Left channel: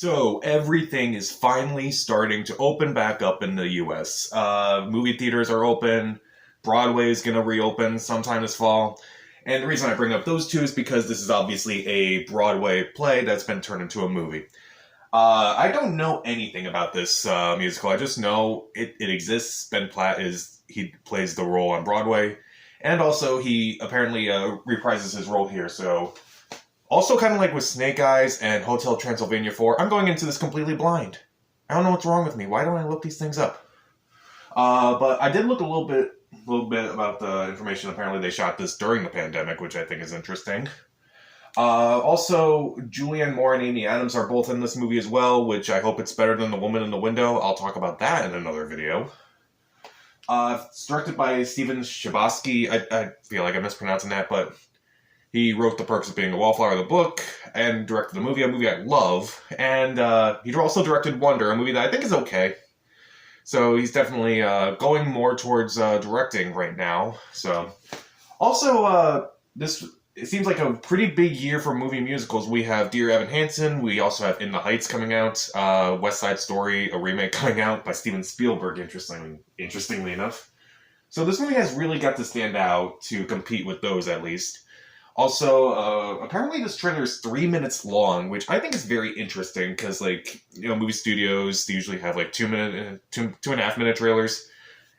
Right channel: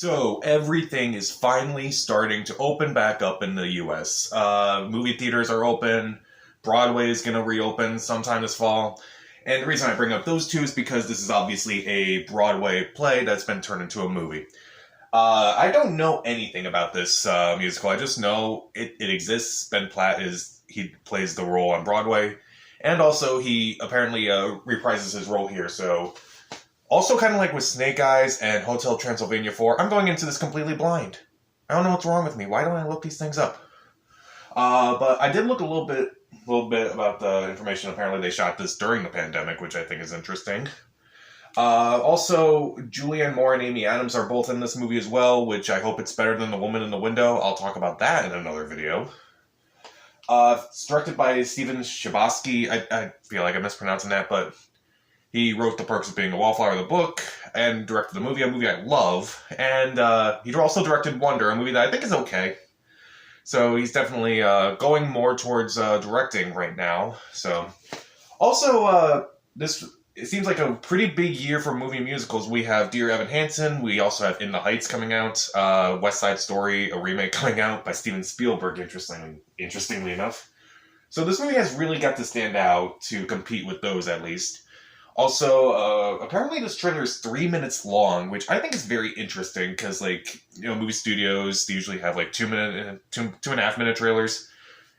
So everything is finally starting to open back up in the US. Movie theaters are open. Broadway is going to reopen sometime this fall. And the reason I bring up those two is because this is obviously a Broadway play that's been turned into a movie. I don't know anything about this musical. I just know it exists. Ben Platt he plays the role on Broadway, and also he apparently reprises his role here. So, also kind of like with Snake Eyes and Hotel Transylvania 4, I'm going into this completely blind. I don't know what's wrong with me. Why don't I look these things up? But I did look a little bit about the information. Apparently, they shot this during the pandemic, which I think is interesting. Also, Julianne Moore and Amy Adams are both in this movie as well, which I hope it's better than The Woman in the Window. I'll talk about that in another video. It's directed by Steven Chbosky. I feel like I'm mispronouncing that, but he wrote The Perks of Being a Wallflower, the book, and directed the movie, a movie I love. And he also directed Wonder, a movie that I think is okay. So he's definitely going more towards directing right now. So, also, it seems like a pretty big year for movie musicals. We have Dear Evan Hansen. We also have In the Heights coming out. West Side Story, a remake coming out by Steven Spielberg, interestingly enough. So this movie has really got to stand out to compete with those, at least. Also, apparently this trailer is 3 minutes long, which I think is very interesting because, movie studios, they usually have 2.5 minute trailers.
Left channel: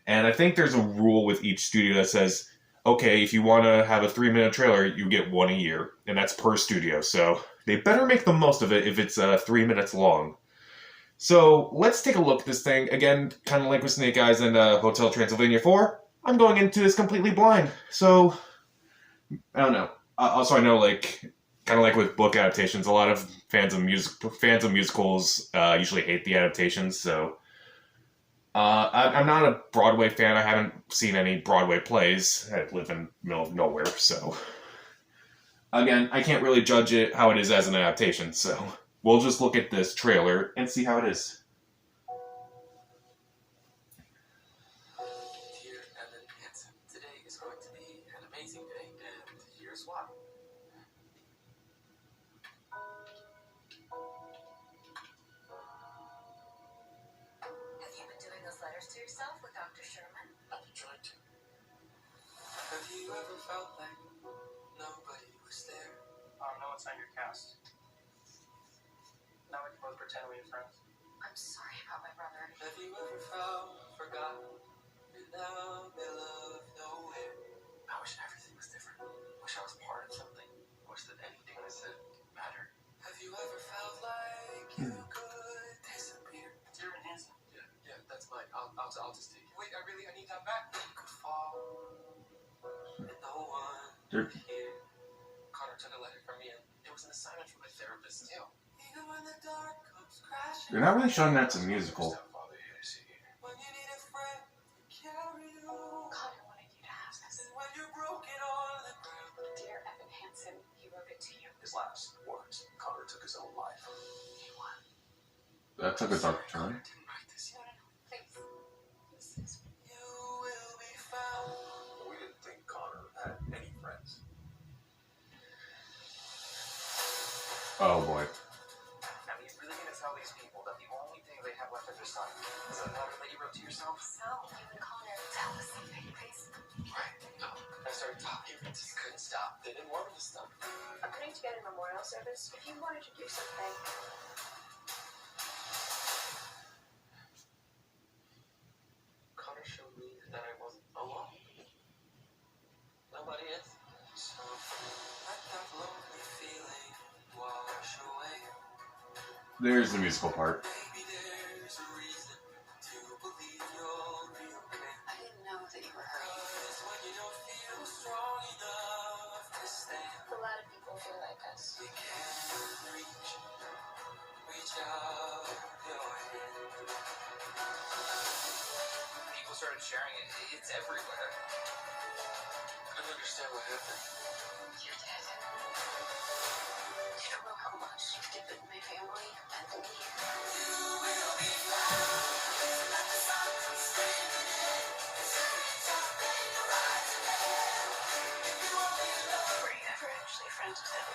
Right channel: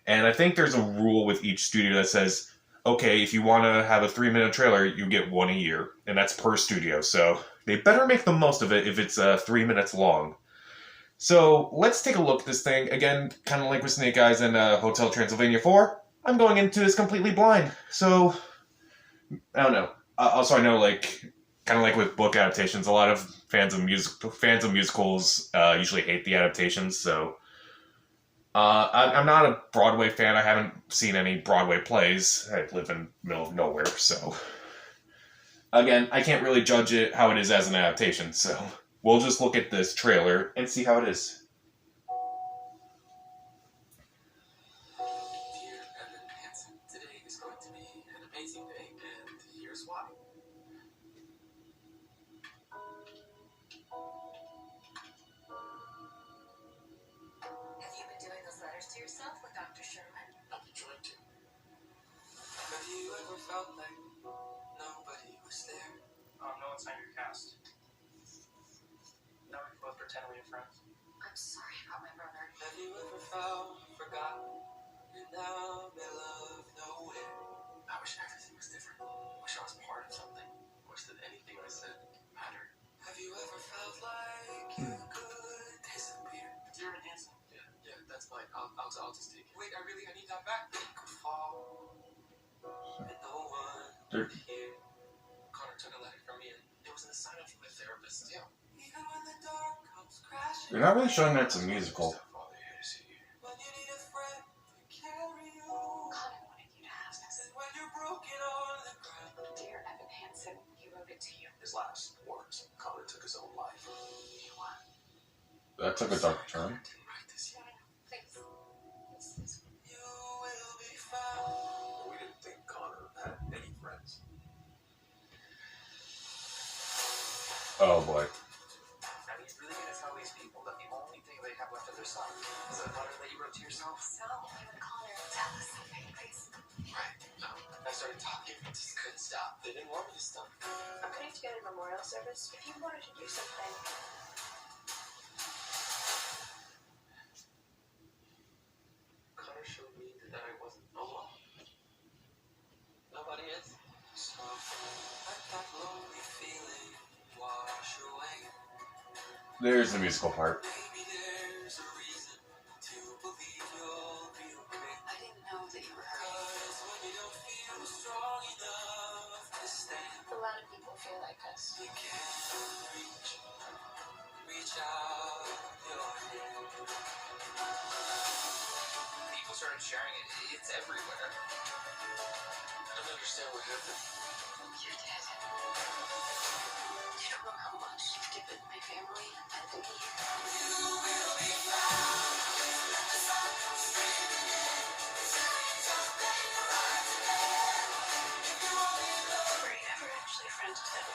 And I think there's a rule with each studio that says, okay, if you want to have a 3 minute trailer, you get one a year, and that's per studio. So they better make the most of it if it's 3 minutes long. So let's take a look at this thing. Again, kind of like with Snake Eyes and Hotel Transylvania 4, I'm going into this completely blind. So, I don't know. Also, I know, kind of like with book adaptations, a lot of fans of musicals usually hate the adaptations, so I'm not a Broadway fan. I haven't seen any Broadway plays. I live in the middle of nowhere, so again, I can't really judge it how it is as an adaptation, so we'll just look at this trailer and see how it is. Dear Evan Hansen, today is going to be an amazing day, and here's why. Have you been doing those letters to yourself with Dr. Sherman? I've been trying to. Have you ever felt like nobody was there? No one's on your cast. Now we can both pretend we're friends. I'm sorry about my brother. Have you ever felt forgotten and now they love nowhere? I wish everything was different. Wish I was part of something. Wish that anything I said mattered. Have you ever felt like you could disappear? Dear Evan Hansen. Yeah, that's mine. I'll just take it. Wait, I need that back. You could fall, and no one would hear. Connor took a letter from me, and it was an assignment from my therapist too. Even when the dark comes crashing. They're not really showing that's a musical. When you need a friend to carry you. Connor wanted you to have this. And when you're broken on the ground. Dear Evan Hansen, he wrote it to you. His last words, Connor took his own life. He won. That took a dark turn. I didn't write this yet. Please. This is... You will be found. We didn't think Connor had any friends. Oh boy. Now he's really gonna tell these people that the only thing they have left is their son. Is that a letter that you wrote to yourself? Sal, you and Connor, tell us something, please. Right. I started talking, but just couldn't stop. They didn't want me to stop. I'm putting together a memorial service. If you wanted to do something... Connor showed me that I wasn't alone. Nobody is. So let that lonely feeling wash away. There's the musical part. Maybe there's a reason to believe you'll be okay. I didn't know that you were hurting. 'Cause when you don't feel strong enough to stand, A lot of people feel like us. you can reach out your hand. People started sharing it. It's everywhere. I don't understand what happened. You're dead. You don't know how much you've given my family and me. Were you ever actually friends with him?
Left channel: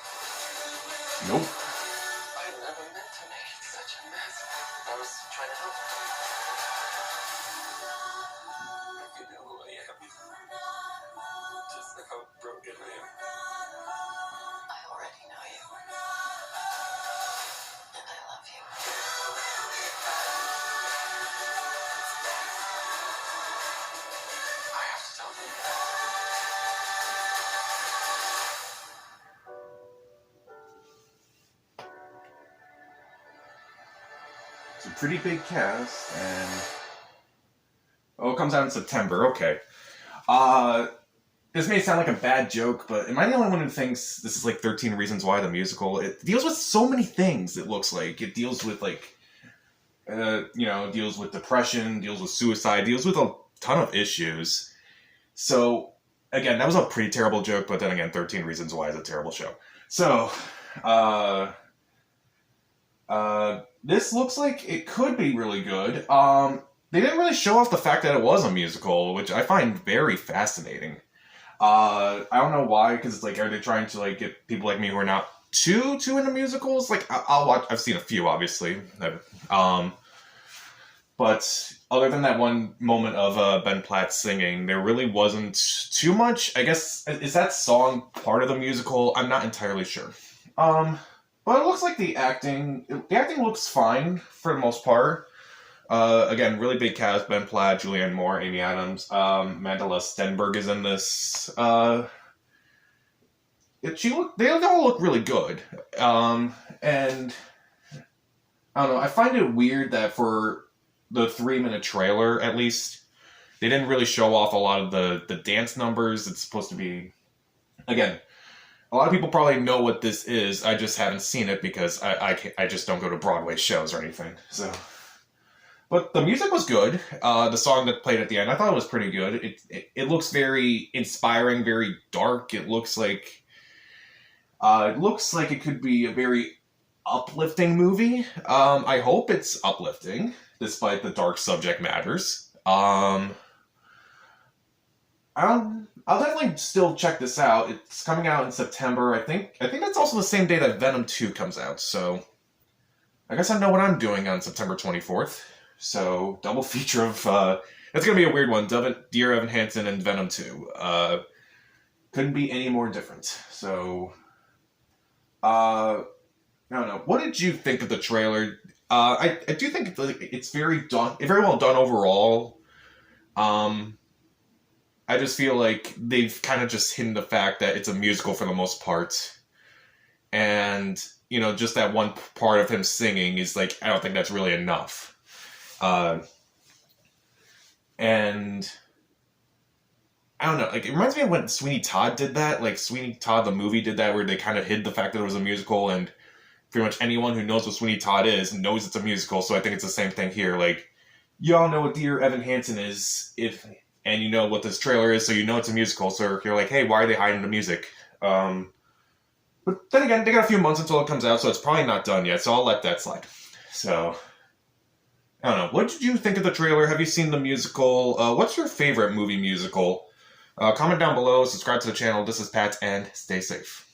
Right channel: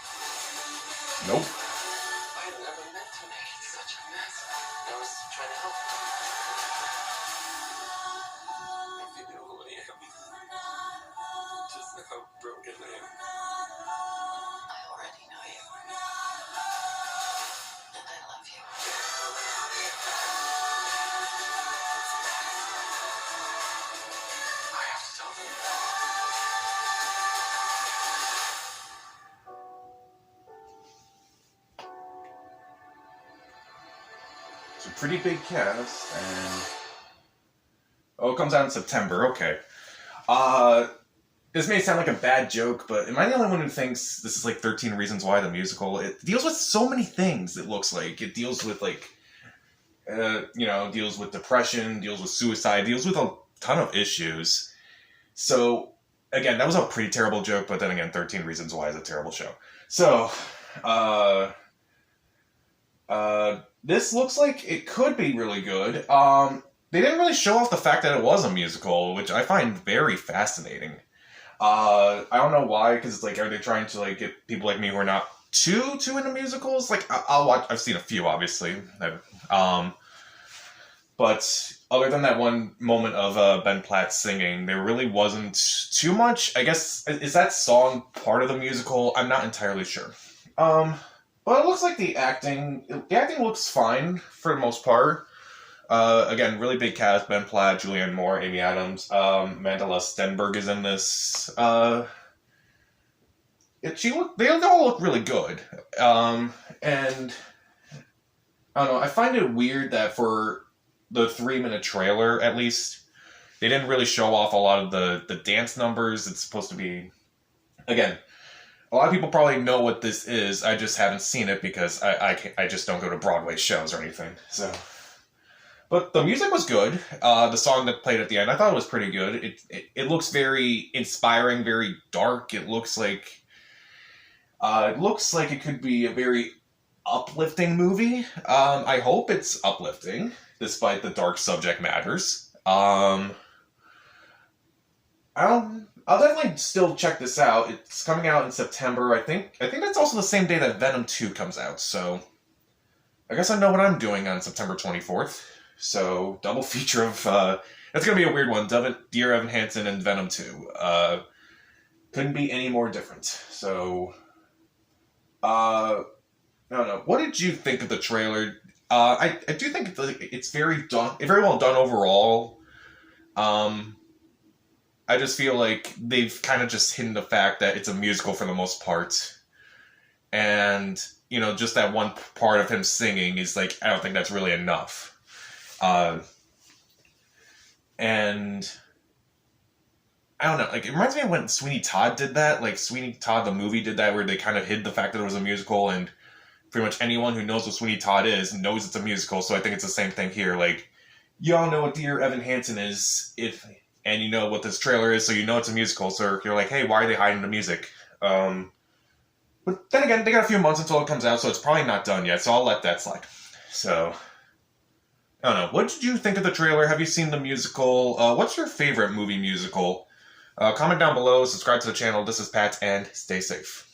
Nope. I never meant to make it such I was trying to help. If you knew who I am, just how broken I am. I already know you. And I love you. I have to tell them. It's a pretty big cast, and oh, it comes out in September. Okay. This may sound like a bad joke, but am I the only one who thinks this is like 13 Reasons Why the musical? It deals with so many things. It looks like it deals with deals with depression, deals with suicide, deals with a ton of issues. So again, that was a pretty terrible joke, but then again, 13 Reasons Why is a terrible show. So, this looks like it could be really good. They didn't really show off the fact that it was a musical, which I find very fascinating. I don't know why, because it's like, are they trying to like get people like me who are not too into musicals? Like, I'll watch. I've seen a few, obviously. But other than that one moment of Ben Platt singing, there really wasn't too much. I guess, is that song part of the musical? I'm not entirely sure. But it looks like the acting looks fine for the most part. Again, really big cast: Ben Platt, Julianne Moore, Amy Adams, Mandela Stenberg is in this. They all look really good. And I don't know. I find it weird that for the 3-minute trailer, at least, they didn't really show off a lot of the dance numbers. It's supposed to be, again, a lot of people probably know what this is. I just haven't seen it because I just don't go to Broadway shows or anything. So, but the music was good. The song that played at the end, I thought it was pretty good. It looks very inspiring, very dark. It looks like it could be a very uplifting movie. I hope it's uplifting, despite the dark subject matters. I'll definitely still check this out. It's coming out in September. I think that's also the same day that Venom 2 comes out. So I guess I know what I'm doing on September 24th. So double feature of that's gonna be a weird one. Dear Evan Hansen and Venom 2. Couldn't be any more different. So I don't know. What did you think of the trailer? I do think it's very well done overall. I just feel like they've kind of just hidden the fact that it's a musical for the most part. And, just that one part of him singing is like, I don't think that's really enough. And I don't know, like, it reminds me of when Sweeney Todd did that. Like, Sweeney Todd, the movie, did that, where they kind of hid the fact that it was a musical, and pretty much anyone who knows what Sweeney Todd is knows it's a musical. So I think it's the same thing here. Like, y'all know what Dear Evan Hansen is, and you know what this trailer is, so you know it's a musical. So you're like, hey, why are they hiding the music? But then again, they got a few months until it comes out, so it's probably not done yet. So I'll let that slide. So I don't know. What did you think of the trailer? Have you seen the musical? What's your favorite movie musical? Comment down below. Subscribe to the channel. This is Pat, and stay safe.